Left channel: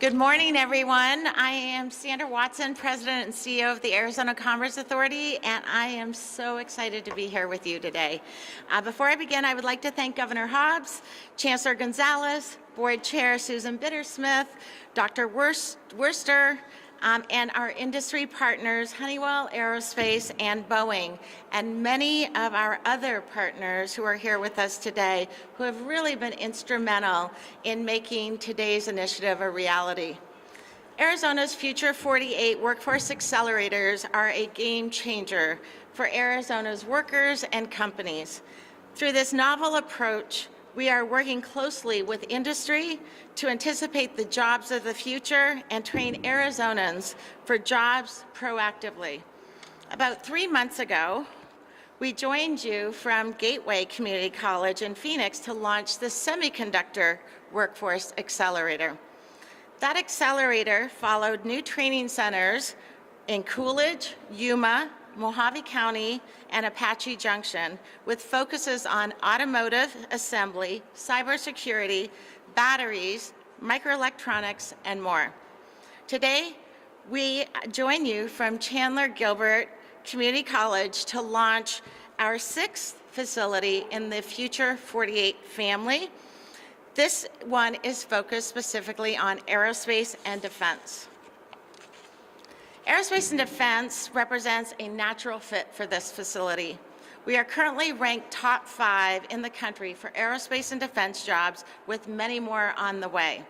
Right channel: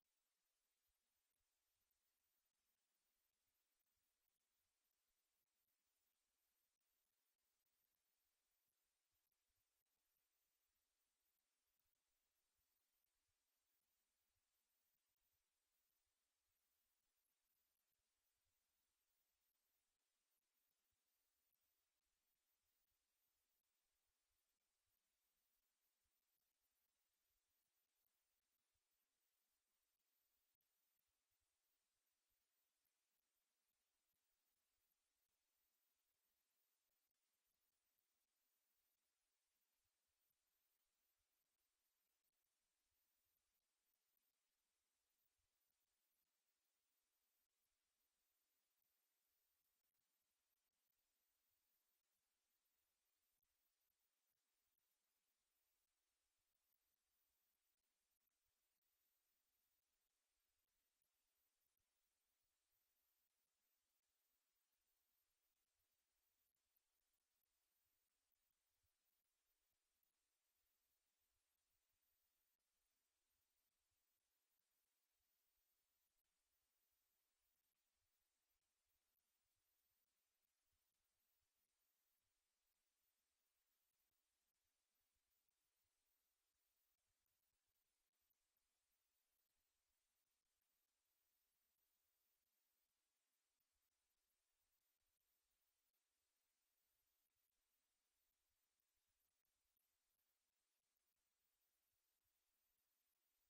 Good morning, everyone. I am Sandra Watson, President and CEO of the Arizona Commerce Authority, and I am so excited to be here with you today. Before I begin, I would like to thank Governor Hobbs, Chancellor Gonzalez, Board Chair Susan Bittersmith, Dr. Worster, and our industry partners, Honeywell, Aerospace, and Boeing, and many of our other partners who are here with us today who have really been instrumental in making today's initiative a reality. Arizona's Future48 Workforce Accelerators are a game changer for Arizona's workers and companies. Through this novel approach, we are working closely with industry to anticipate the jobs of the future and train Arizonans for jobs proactively. About 3 months ago, we joined you from Gateway Community College in Phoenix to launch the Semiconductor Workforce Accelerator. That accelerator followed new training centers in Coolidge, Yuma, Mojave County, and Apache Junction, with focuses on automotive assembly, cybersecurity, batteries, microelectronics, and more. Today, we join you from Chandler Gilbert Community College to launch our 6th facility in the Future 48 family. This one is focused specifically on aerospace and defense. Aerospace and defense represents a natural fit for this facility. We are currently ranked top 5 in the country for aerospace and defense jobs, with many more on the way.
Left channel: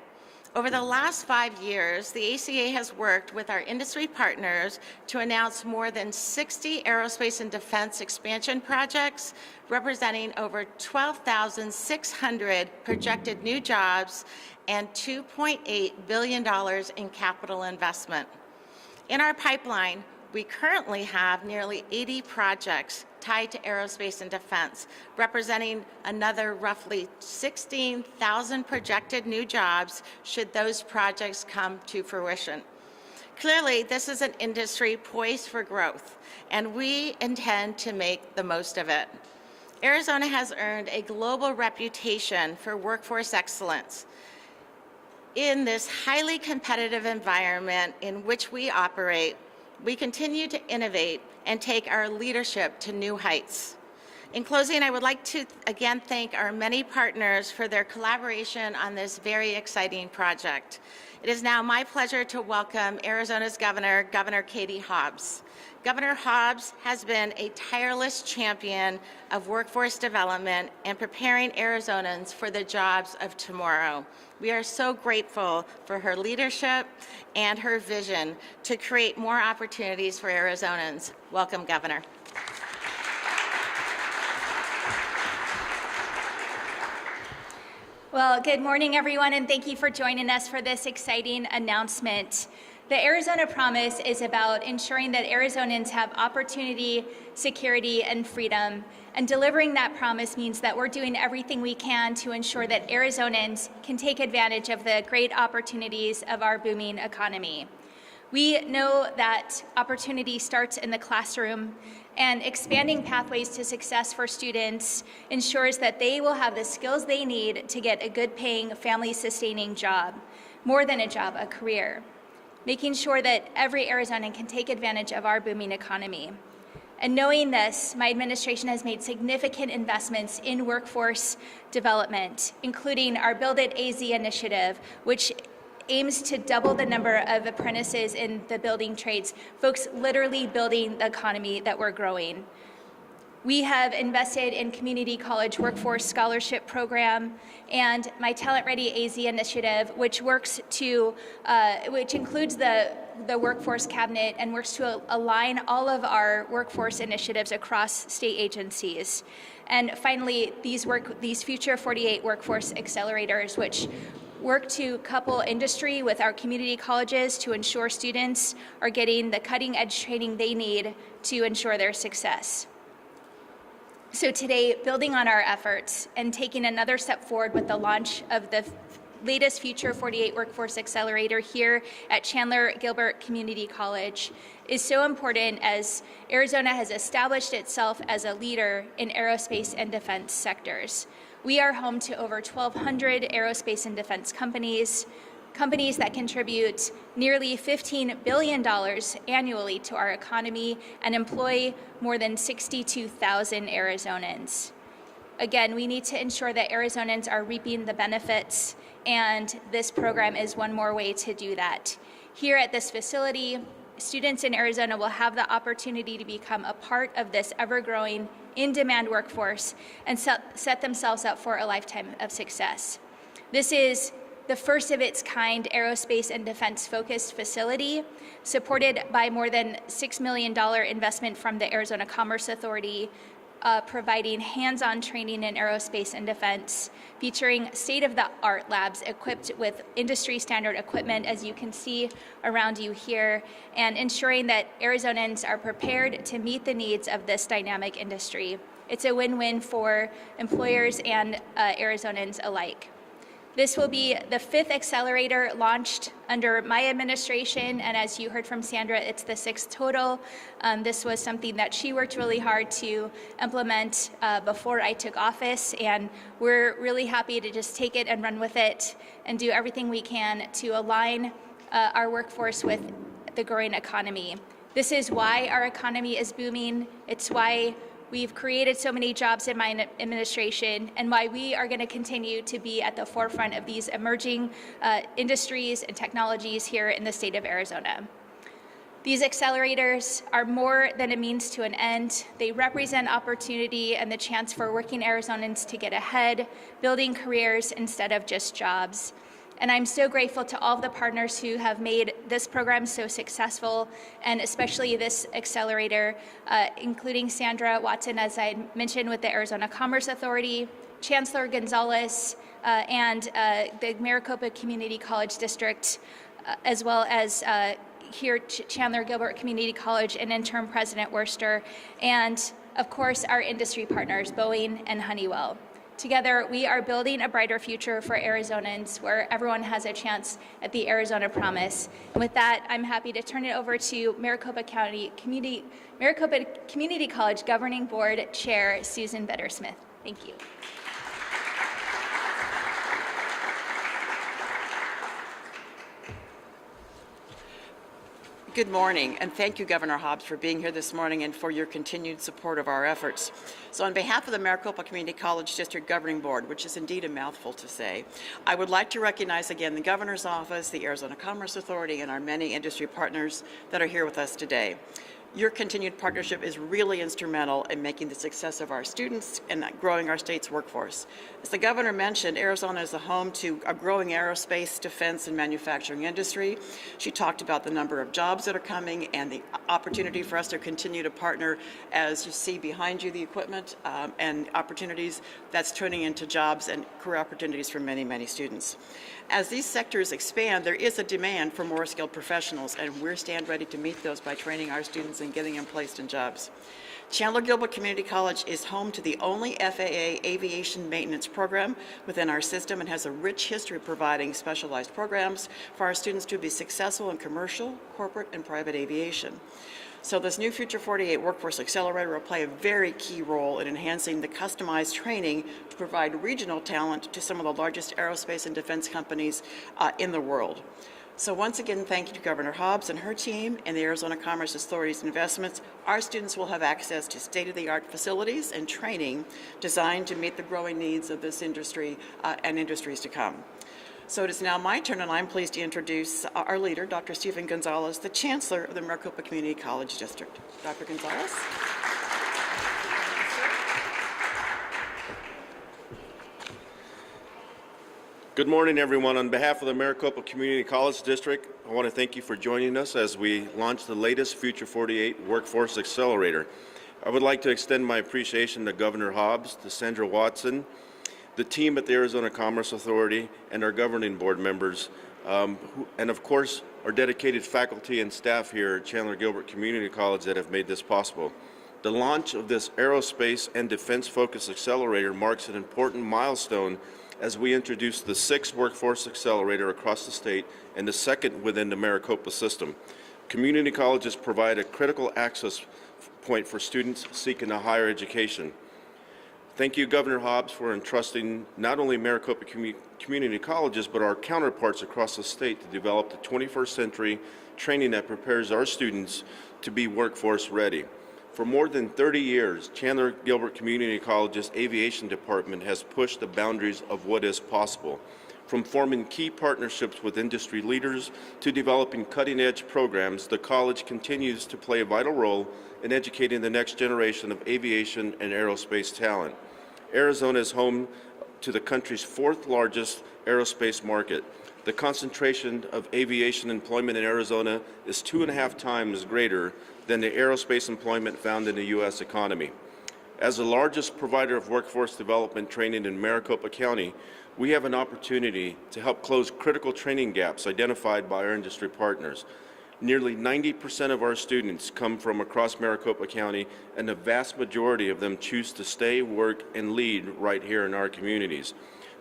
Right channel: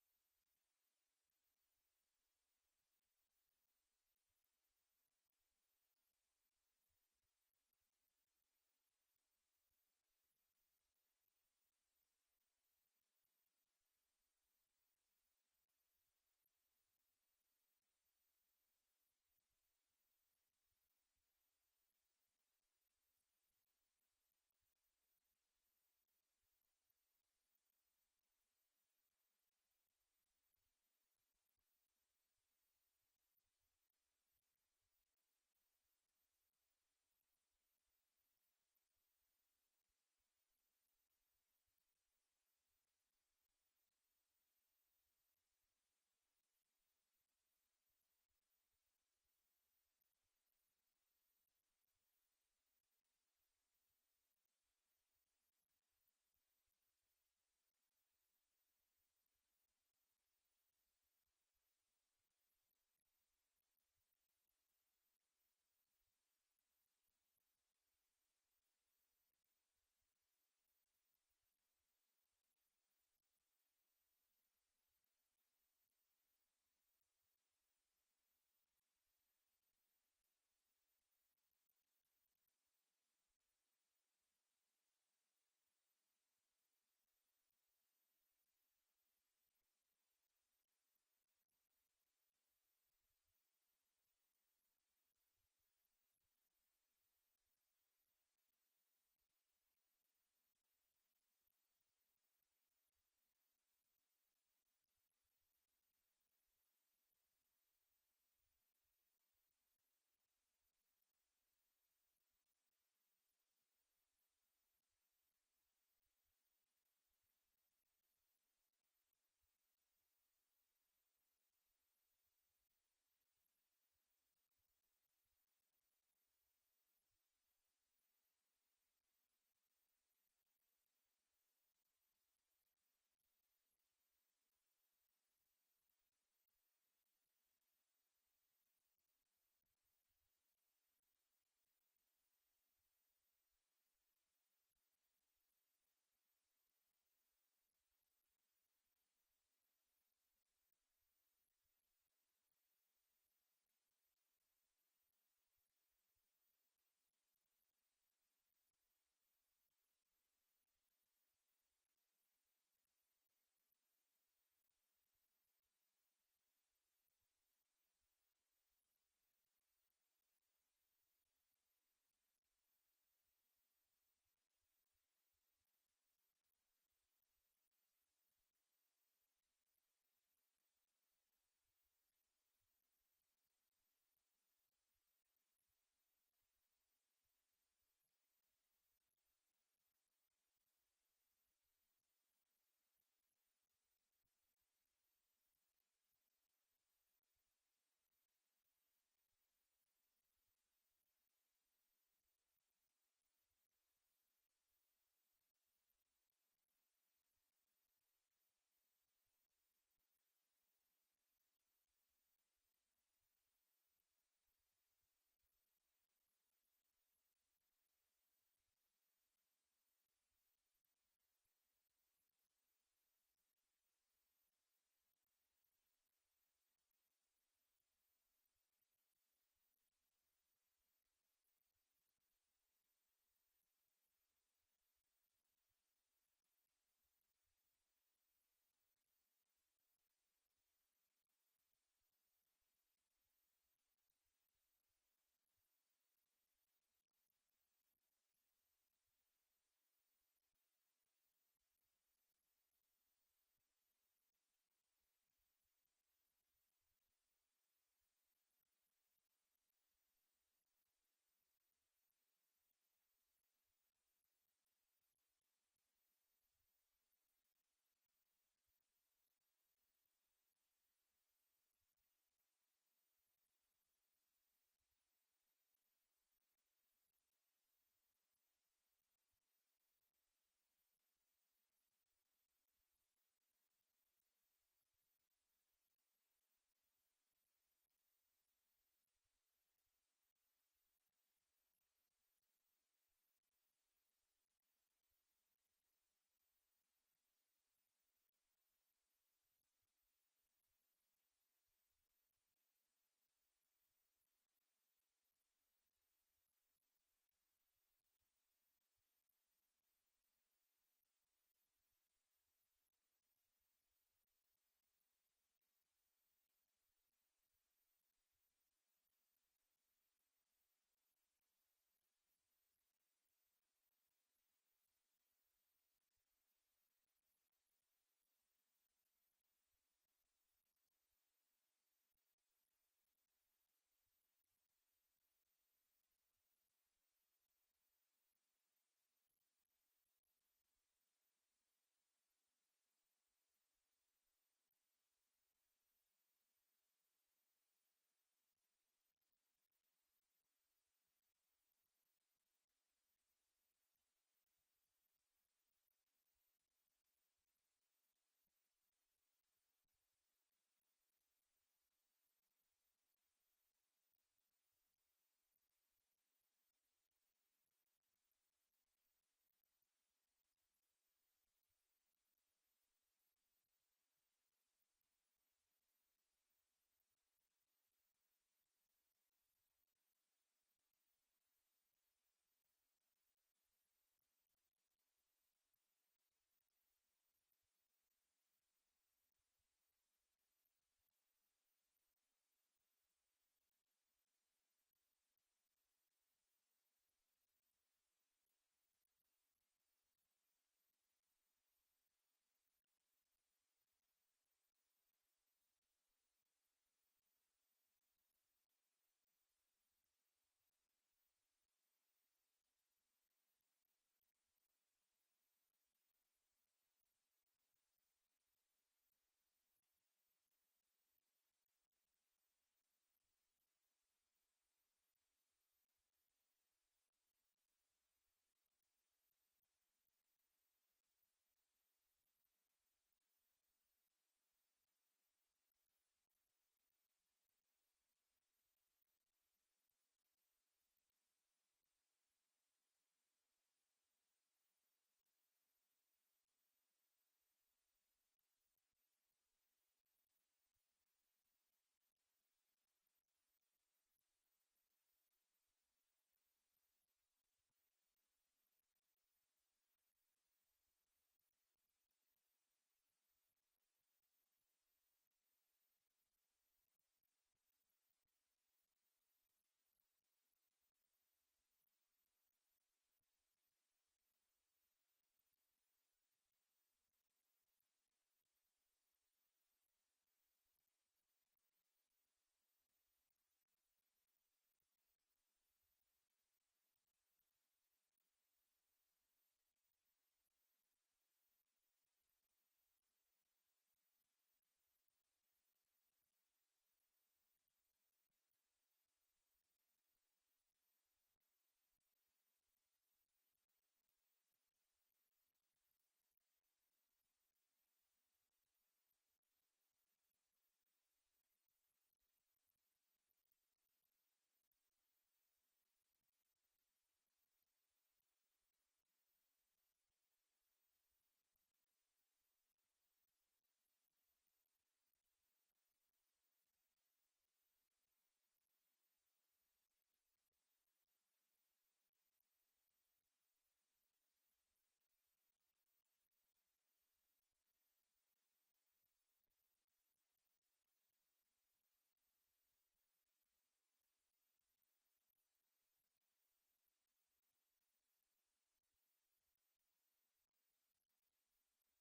Over the last 5 years, the ACA has worked with our industry partners to announce more than 60 aerospace and defense expansion projects, representing over 12,600 projected new jobs and $2.8 billion in capital investment. In our pipeline, we currently have nearly 80 projects tied to aerospace and defense, representing another roughly 16,000 projected new jobs should those projects come to fruition. Clearly, this is an industry poised for growth, and we intend to make the most of it. Arizona has earned a global reputation for workforce excellence. In this highly competitive environment in which we operate, we continue to innovate and take our leadership to new heights. In closing, I would like to again thank our many partners for their collaboration on this very exciting project. It is now my pleasure to welcome Arizona's Governor, Governor Katie Hobbs. Governor Hobbs has been a tireless champion of workforce development and preparing Arizonans for the jobs of tomorrow. We are so grateful for her leadership and her vision to create more opportunities for Arizonans. Welcome, Governor. Well, good morning, everyone, and thank you for joining us for this exciting announcement. The Arizona Promise is about ensuring that Arizonans have opportunity, security, and freedom. And delivering that promise means that we're doing everything we can to ensure that Arizonans can take advantage of the great opportunities of our booming economy. We know that opportunity starts in the classroom, and expanding pathways to success for students ensures that they will have the skills they need to get a good-paying, family-sustaining job, more than a job, a career, making sure that every Arizonan can take advantage of our booming economy. And knowing this, my administration has made significant investments in workforce development, including our Build It AZ initiative, which aims to double the number of apprentices in the building trades, folks literally building the economy that we're growing. We have invested in Community College Workforce Scholarship Program and my Talent Ready AZ initiative, which works to, which includes the Workforce Cabinet and works to align all of our workforce initiatives across state agencies. And finally, these Future 48 Workforce Accelerators, which work to couple industry with our community colleges to ensure students are getting the cutting-edge training they need to ensure their success. So today, building on our efforts and taking another step forward with the launch of the latest Future 48 Workforce Accelerator here at Chandler Gilbert Community College is so important as Arizona has established itself as a leader in aerospace and defense sectors. We are home to over 1,200 aerospace and defense companies, companies that contribute nearly $15 billion annually to our economy and employ more than 62,000 Arizonans. Again, we need to ensure that Arizonans are reaping the benefits, and this program is one more way to do that. Here at this facility, students in Arizona will have the opportunity to become a part of this ever-growing, in-demand workforce and set themselves up for a lifetime of success. This is the first of its kind aerospace and defense-focused facility, supported by more than $6 million investment from the Arizona Commerce Authority, providing hands-on training in aerospace and defense, featuring state-of-the-art labs equipped with industry-standard equipment, as you can see around you here, and ensuring that Arizonans are prepared to meet the needs of this dynamic industry. It's a win-win for employers and Arizonans alike. This will be the 5th accelerator launched under my administration, and as you heard from Sandra, it's the 6th total. This was something that she worked really hard to implement before I took office, and we're really happy to just take it and run with it and do everything we can to align our workforce with the growing economy. This is why our economy is booming. It's why we've created so many jobs in my administration, and why we are going to continue to be at the forefront of these emerging industries and technologies here in the state of Arizona. These accelerators are more than a means to an end. They represent opportunity and the chance for working Arizonans to get ahead, building careers instead of just jobs. And I'm so grateful to all of the partners who have made this program so successful, and especially this accelerator, including Sandra Watson, as I mentioned, with the Arizona Commerce Authority, Chancellor Gonzalez, and the Maricopa Community College District, as well as here Chandler Gilbert Community College and interim President Worster, and of course our industry partners, Boeing and Honeywell. Together, we are building a brighter future for Arizonans where everyone has a chance at the Arizona Promise. And with that, I'm happy to turn it over to Maricopa Community College Governing Board Chair Susan Bittersmith. Thank you. Good morning, and thank you, Governor Hobbs, for being here this morning and for your continued support of our efforts. So on behalf of the Maricopa Community College District Governing Board, which is indeed a mouthful to say, I would like to recognize again the Governor's Office, the Arizona Commerce Authority, and our many industry partners that are here with us today. Your continued partnership is really instrumental in making the success of our students and growing our state's workforce. As the Governor mentioned, Arizona is the home to a growing aerospace, defense, and manufacturing industry. She talked about the number of jobs that are coming and the opportunity for us to continue to partner, as you see behind you, the equipment and opportunities that's turning into jobs and career opportunities for many, many students. As these sectors expand, there is a demand for more skilled professionals, and we stand ready to meet those by training our students and getting them placed in jobs. Chandler Gilbert Community College is home to the only FAA aviation maintenance program within our system and has a rich history of providing specialized programs for our students to be successful in commercial, corporate, and private aviation. So this new Future48 Workforce Accelerator will play a very key role in enhancing the customized training to provide regional talent to some of the largest aerospace and defense companies in the world. So once again, thank you to Governor Hobbs and her team and the Arizona Commerce Authority's investments. Our students will have access to state-of-the-art facilities and training designed to meet the growing needs of this industry and industries to come. So it is now my turn, and I'm pleased to introduce our leader, Dr. Stephen Gonzalez, the Chancellor of the Maricopa Community College District. Dr. Gonzalez. Good morning, everyone. On behalf of the Maricopa Community College District, I want to thank you for joining us as we launch the latest Future48 Workforce Accelerator. I would like to extend my appreciation to Governor Hobbs, to Sandra Watson, the team at the Arizona Commerce Authority, and our governing board members, and of course, our dedicated faculty and staff here at Chandler Gilbert Community College that have made this possible. The launch of this aerospace and defense-focused accelerator marks an important milestone as we introduce the 6th Workforce Accelerator across the state and the 2nd within the Maricopa system. Community colleges provide a critical access point for students seeking a higher education. Thank you, Governor Hobbs, for entrusting not only Maricopa Community Colleges, but our counterparts across the state to develop the 21st century training that prepares our students to be workforce ready. For more than 30 years, Chandler Gilbert Community College's aviation department has pushed the boundaries of what is possible. From forming key partnerships with industry leaders to developing cutting-edge programs, the college continues to play a vital role in educating the next generation of aviation and aerospace talent. Arizona is home to the country's fourth largest aerospace market. The concentration of aviation employment in Arizona is 2.5 times greater than the aerospace employment found in the U.S. economy. As the largest provider of workforce development training in Maricopa County, we have an opportunity to help close critical training gaps identified by our industry partners. Nearly 90% of our students come from across Maricopa County, and the vast majority of them choose to stay, work, and lead right here in our communities,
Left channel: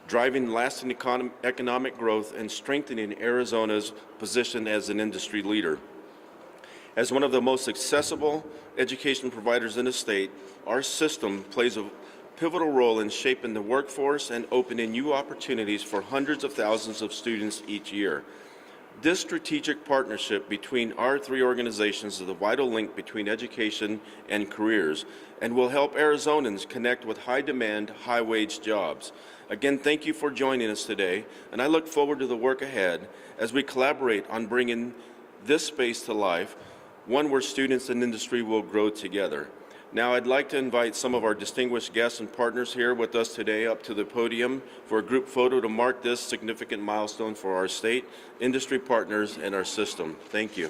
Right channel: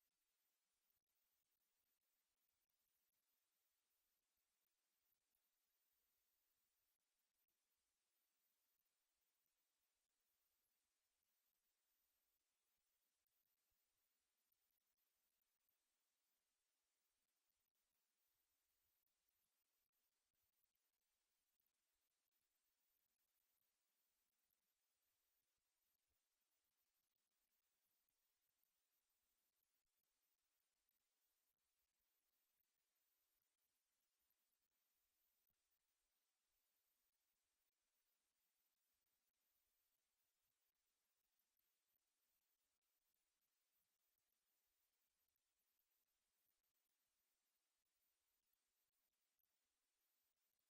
driving lasting economic growth and strengthening Arizona's position as an industry leader. As one of the most accessible education providers in the state, our system plays a pivotal role in shaping the workforce and opening new opportunities for hundreds of thousands of students each year. This strategic partnership between our three organizations is a vital link between education and careers, and will help Arizonans connect with high-demand, high-wage jobs. Again, thank you for joining us today, and I look forward to the work ahead as we collaborate on bringing this space to life, one where students and industry will grow together. Now, I'd like to invite some of our distinguished guests and partners here with us today up to the podium for a group photo to mark this significant milestone for our state, industry partners, and our system. Thank you.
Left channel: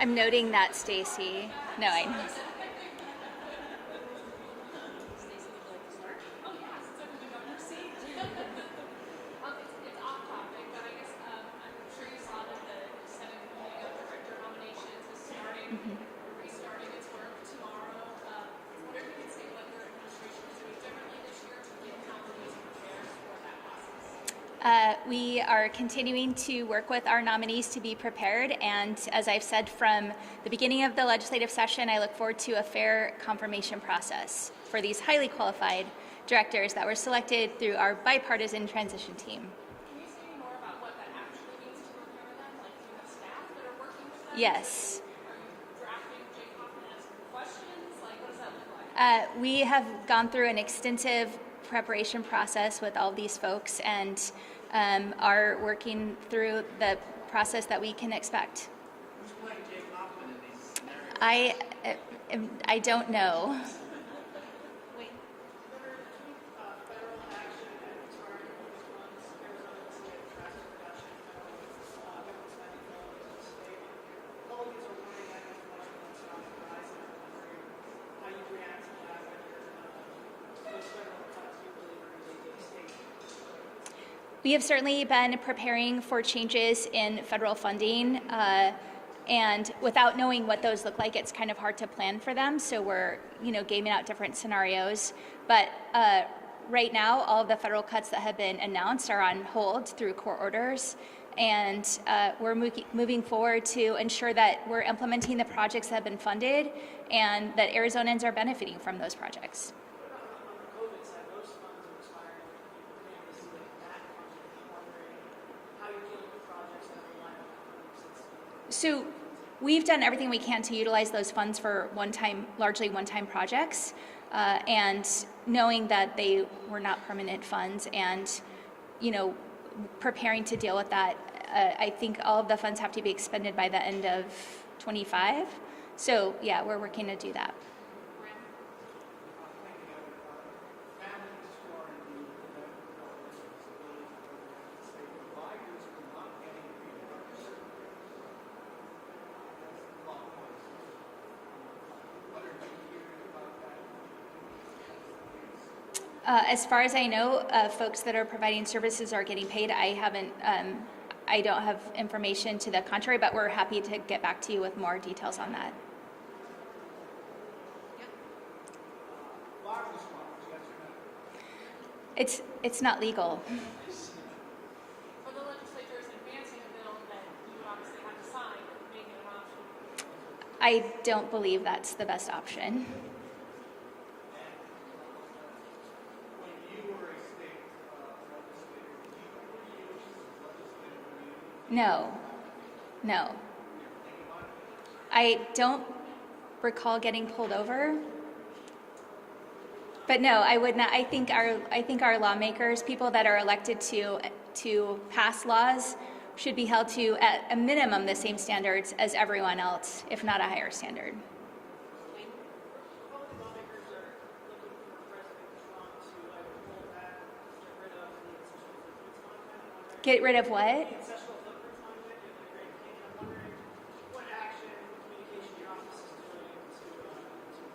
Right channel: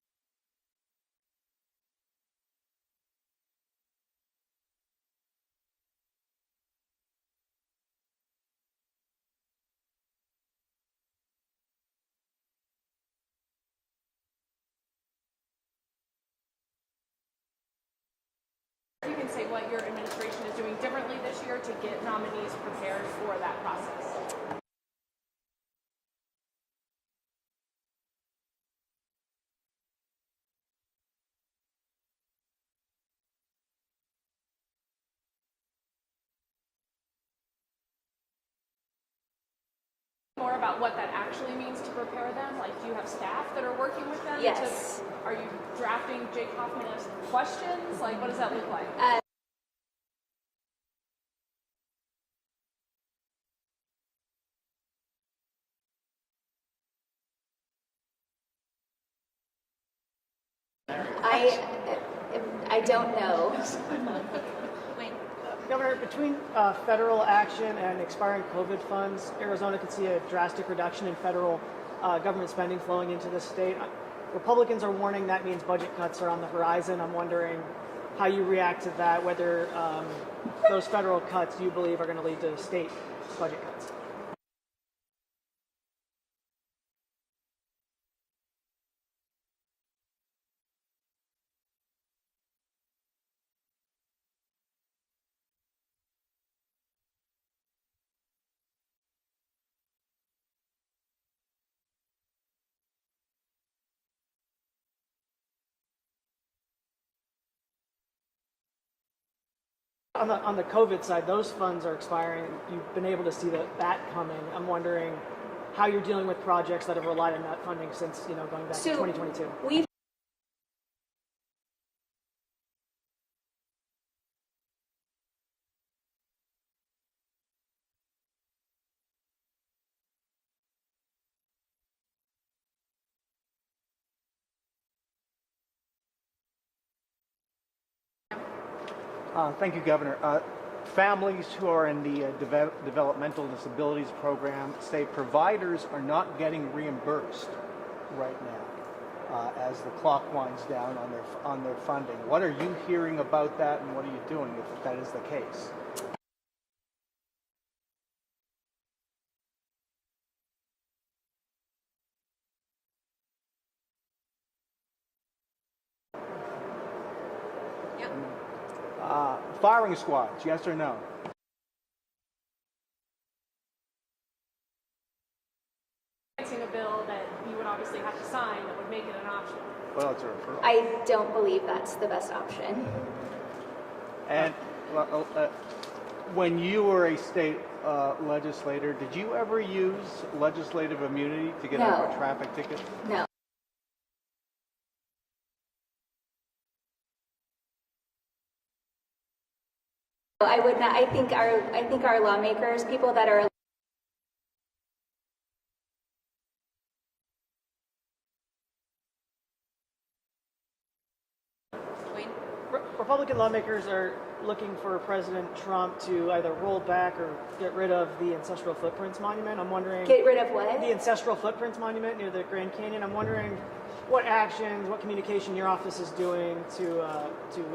I'm noting that, Stacy. No, I know. You can say what your administration is doing differently this year to get nominees prepared for that process. We are continuing to work with our nominees to be prepared, and as I've said from the beginning of the legislative session, I look forward to a fair confirmation process for these highly qualified directors that were selected through our bipartisan transition team. Can you say more about what that actually means to prepare them? Like, do you have staff that are working with them? Yes. Are you drafting Jake Hoffman's questions? Like, what does that look like? We have gone through an extensive preparation process with all of these folks, and are working through the process that we can expect. I don't know. Governor, between federal action and expiring COVID funds, Arizona could see a drastic reduction in federal government spending flowing into the state. Republicans are warning that means budget cuts are on the horizon. I'm wondering how you react to that, whether those federal cuts you believe are going to lead to state budget cuts. We have certainly been preparing for changes in federal funding, and without knowing what those look like, it's kind of hard to plan for them. So we're, gaming out different scenarios. But right now, all of the federal cuts that have been announced are on hold through court orders. And we're moving forward to ensure that we're implementing the projects that have been funded and that Arizonans are benefiting from those projects. On the COVID side, those funds are expiring. You've been able to see that coming. I'm wondering how you're dealing with projects that have relied on that funding since going back to 2022. We've done everything we can to utilize those funds for largely one-time projects, and knowing that they were not permanent funds, and preparing to deal with that. I think all of the funds have to be expended by the end of 25. So yeah, we're working to do that. Thank you, Governor. Families who are in the developmental disabilities program say providers are not getting reimbursed right now as the clock winds down on their funding. What are you hearing about that, and what are you doing if that is the case? As far as I know, folks that are providing services are getting paid. I don't have information to the contrary, but we're happy to get back to you with more details on that. Firing squads, yes or no? It's not legal. Well, the legislature is advancing a bill that you would obviously have to sign that would make it an option. Well, it's a I don't believe that's the best option. And when you were a state legislator, did you ever use legislative immunity to get out of a traffic ticket? No. I don't recall getting pulled over. But no, I would not. I think our lawmakers, people that are elected to pass laws, should be held to, at a minimum, the same standards as everyone else, if not a higher standard. Republican lawmakers are looking for President Trump to either roll back or get rid of the Ancestral Footprints Monument. I'm wondering... Get rid of what? The Ancestral Footprints Monument near the Grand Canyon. I'm wondering what actions, what communication your office is doing to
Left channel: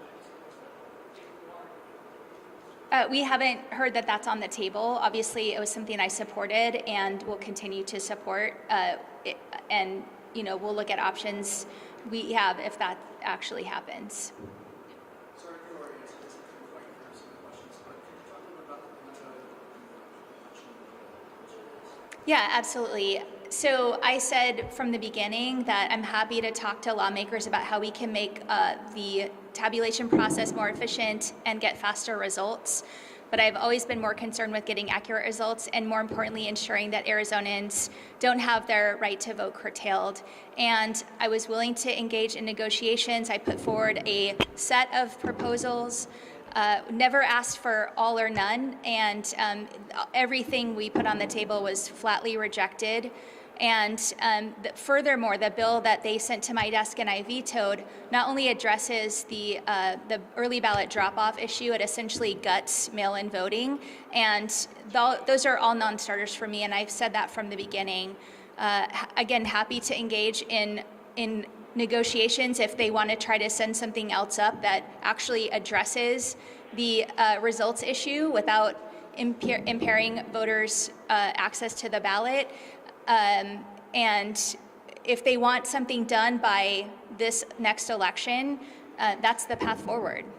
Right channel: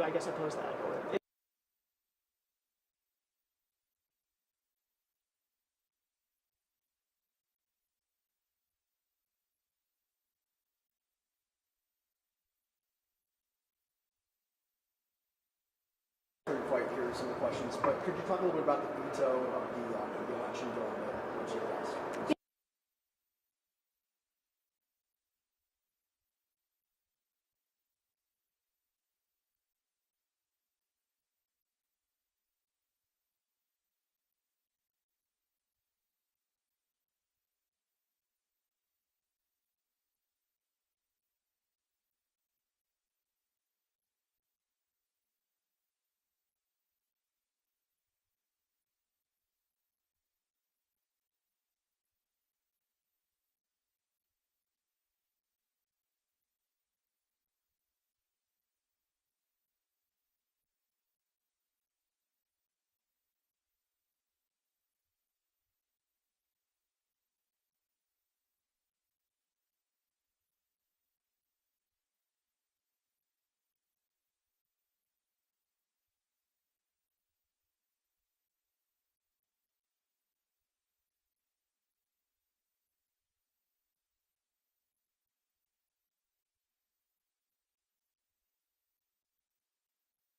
I guess, oppose that. We haven't heard that that's on the table. Obviously, it was something I supported and will continue to support. And we'll look at options we have if that actually happens. Sorry if you already answered this. Couldn't quite hear some of the questions, but could you talk a little bit about the veto of the election bill that was passed? Yeah, absolutely. So I said from the beginning that I'm happy to talk to lawmakers about how we can make the tabulation process more efficient and get faster results. But I've always been more concerned with getting accurate results and, more importantly, ensuring that Arizonans don't have their right to vote curtailed. And I was willing to engage in negotiations. I put forward a set of proposals, never asked for all or none, and everything we put on the table was flatly rejected. And furthermore, the bill that they sent to my desk and I vetoed not only addresses the early ballot drop-off issue, it essentially guts mail-in voting. And those are all non-starters for me, and I've said that from the beginning. Again, happy to engage in negotiations if they want to try to send something else up that actually addresses the results issue without impairing voters' access to the ballot. And if they want something done by this next election, that's the path forward. The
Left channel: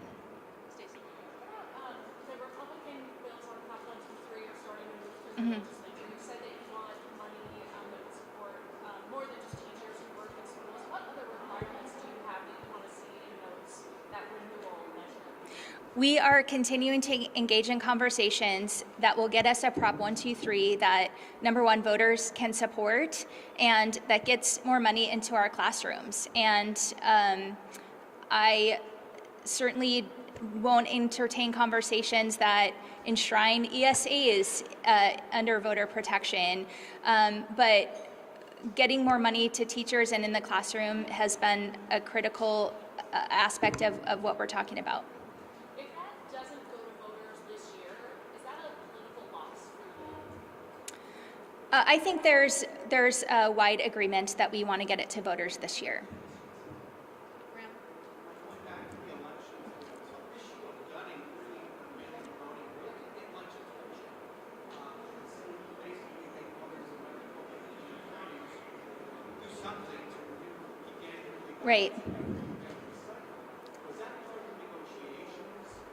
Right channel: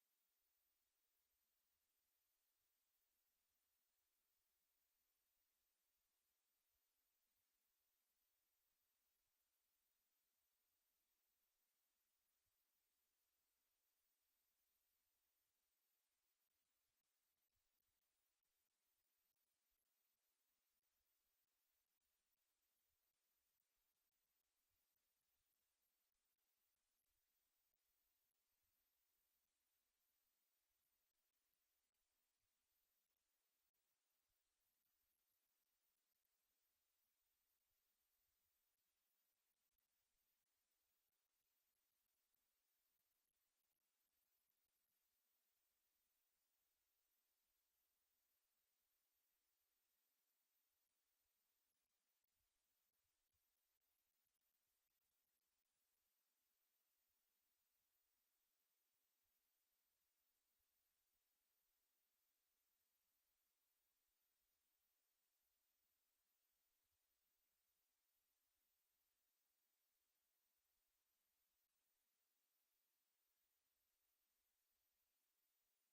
Republican bills on Prop 123 are starting to move through the legislature. You said that you want money that would support more than just teachers who work in schools. What other requirements do you have that you want to see in that renewal measure? We are continuing to engage in conversations that will get us a Prop 123 that, number one, voters can support, and that gets more money into our classrooms. And I certainly won't entertain conversations that enshrine ESAs under voter protection. But getting more money to teachers and in the classroom has been a critical aspect of what we're talking about. If that doesn't go to voters this year, is that a political loss for you? I think there's a wide agreement that we want to get it to voters this year. Right.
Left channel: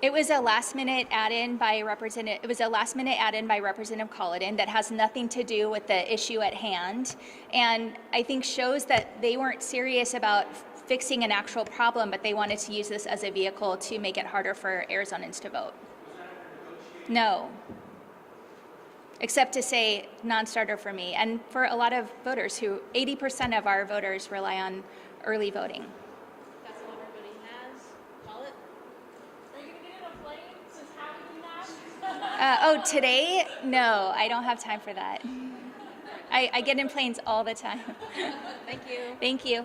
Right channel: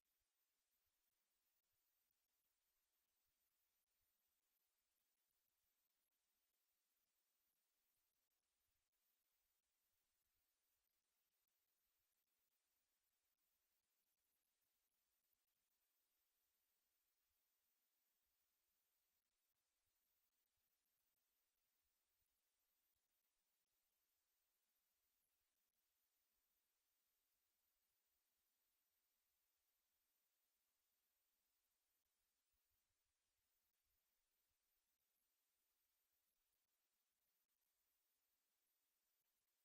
It was a last-minute add-in by Representative. It was a last-minute add-in by Representative Colladin that has nothing to do with the issue at hand, and I think shows that they weren't serious about fixing an actual problem, but they wanted to use this as a vehicle to make it harder for Arizonans to vote. No. Except to say non-starter for me, and for a lot of voters who 80% of our voters rely on early voting. That's all everybody has. Call it. Are you going to get in a plane since having that? Oh, today? No, I don't have time for that. I get in planes all the time. Thank you. Thank you.